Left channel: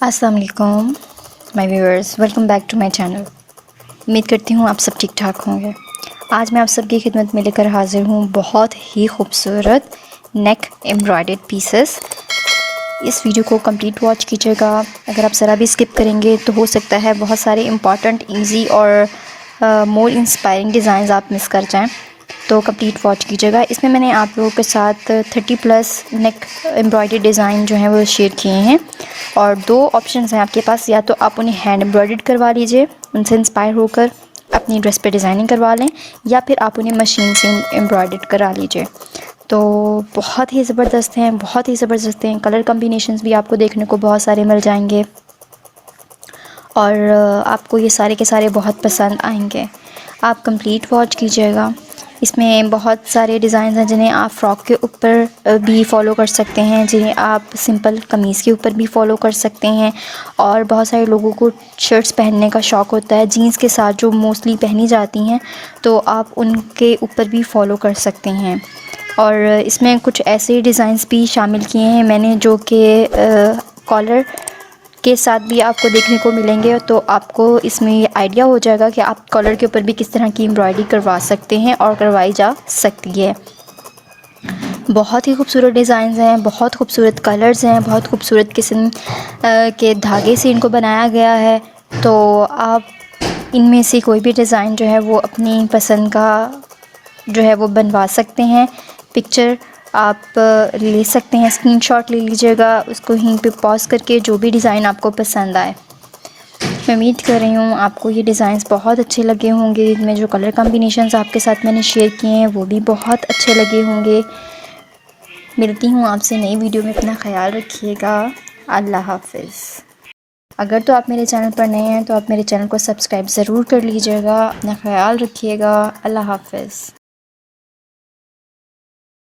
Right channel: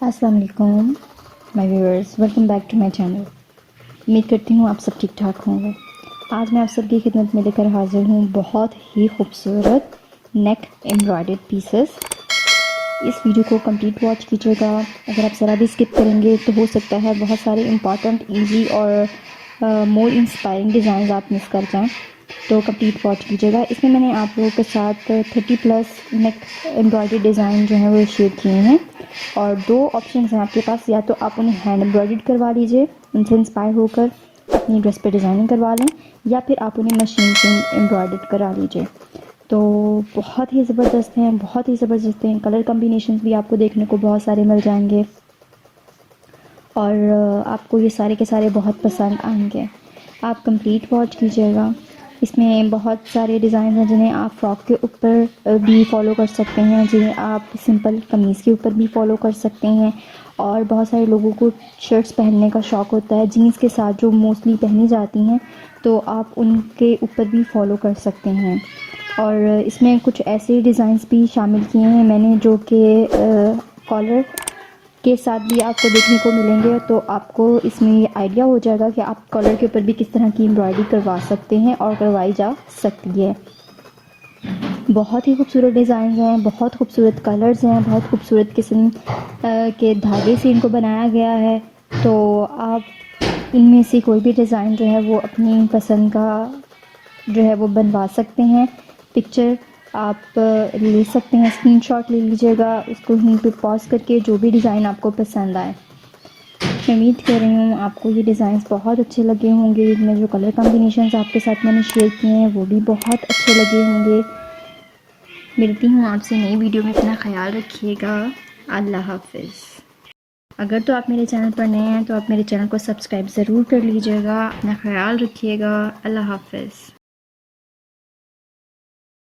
अस्सलाम वालेकुम my viewers, welcome back to my channel. उम्मीद करती हूँ आप सब ठीक ठाक होंगे। आज मैं आप सबकी खिदमत में लेकर हाज़िर हूँ बहुत ही खूबसूरत नेक एम्ब्रॉयडर्ड पीसेस। इस वीडियो को कंप्लीट वॉच कीजिएगा। अगर आप ज़रा भी स्किप करेंगे तो हो सकता है बहुत सारे इम्पॉर्टेंट, ईजी और मोर इंस्पायरिंग डिज़ाइन आप मिस कर जाएँ, तो कंप्लीट वॉच कीजिएगा। इसमें मैंने आप लोगों के साथ 30+ नेक एम्ब्रॉयडरी डिज़ाइन जो हैं वो शेयर किए हैं, और दो ऑप्शंस हैं आपके पास। या तो आप उन्हें हैंड एम्ब्रॉयडर्ड करवा लीजिए, उनसे इंस्पायर होकर अपनी ड्रेस पे डिज़ाइनिंग करवा लें, या फिर आप उन्हें मशीन से एम्ब्रॉयडर्ड करा लीजिए। तो बहुत ही ज़बरदस्त हैं, बहुत ही ज़बरदस्त हैं। कलर कम्बिनेशंस भी आपको देखने को बहुत सारे मिल जाएंगे और आपको ये सारे के सारे बहुत पसंद आएंगे। आप कंप्लीट वॉच कीजिएगा। इसमें बहुत सारे डिज़ाइन हैं जिन्हें आप फ़्रॉक के ऊपर भी फ़ॉलो कर सकते हैं, जिन्हें आप सिंपल कमीज़ के ऊपर भी फ़ॉलो कर सकते हैं। और बहुत सारे लोगों को शर्ट्स पहनने का शौक़ होता है जीन्स के साथ, जो मोस्टली पहनी जाती हैं, तो आप उनके ऊपर भी फ़ॉलो कर सकते हैं। और इसमें कुछ ऐसे डिज़ाइंस भी शामिल किए हैं मैंने जो कि कॉलर के साथ भी आपको देखने को मिलेंगे, तो आपको इसमें ये आइडिया हो जाएगा कि आप कॉलर के ऊपर भी किस तरह की एम्ब्रॉयडरी करवा सकते हैं और करवाई जा सकती है। बहुत ही खूबसूरत डिज़ाइंस हैं, बहुत खूबसूरत कलर्स हैं, बहुत खूबसूरत किस्म के धागे से इनको बनाया गया है। तो आप इनमें से कोई भी डिज़ाइन जो है वो अपनी पसंद का जो है वो बनवा सकते हैं। पिक्चर आप ले सकते हैं, स्क्रीनशॉट ले लीजिएगा, उसको यहीं पे पॉज़ करके जो भी डिज़ाइन आपको पसंद आए। मैं उम्मीद कर रही हूँ आपको ये डिज़ाइंस बहुत अच्छे लगे होंगे। इनमें जो कलर कॉम्बिनेशंस आपके साथ मैंने शेयर किए हैं वो भी बहुत अच्छे लगे होंगे। मिलती हूँ आपसे नई वीडियो में, अपना ख्याल रखिएगा। अल्लाह हाफ़िज़। अगर तो आप मेरे चैनल पर नए हैं तो आप मेरे चैनल को सब्सक्राइब ज़रूर कर लीजिएगा। अपना ख्याल रखिएगा। अल्लाह हाफ़िज़।